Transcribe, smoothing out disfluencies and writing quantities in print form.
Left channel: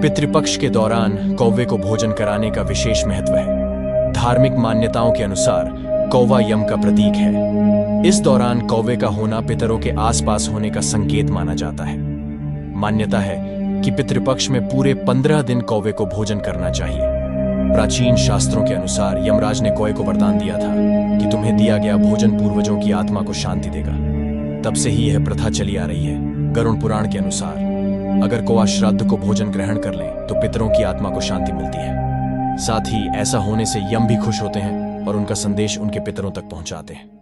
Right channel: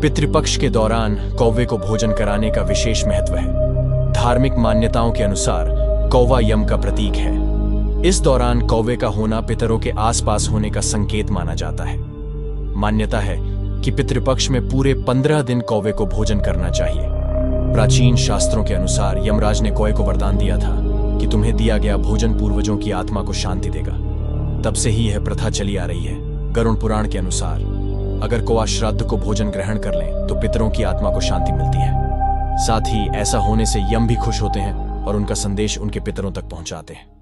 पितृपक्ष के दौरान कौवे को भोजन कराने का विशेष महत्व है। धार्मिक मान्यताओं के अनुसार कौवा यम का प्रतीक है। इस दौरान कौवे का होना पितरों के आसपास होने का संकेत माना जाता है। मान्यता है कि पितृपक्ष में पूरे 15 दिन कौवे को भोजन करना चाहिए। प्राचीन शास्त्रों के अनुसार यमराज ने कौवे को वरदान दिया था कि तुम्हें दिया गया भोजन पूर्वजों की आत्मा को शांति देगा। तब से ही यह प्रथा चली आ रही है। गरुड़ पुराण के अनुसार अगर कौवा श्राद्ध को भोजन ग्रहण कर ले तो पितरों की आत्मा को शांति मिलती है। साथ ही ऐसा होने से यम भी खुश होते हैं और उनका संदेश उनके पितरों तक पहुंचाते हैं।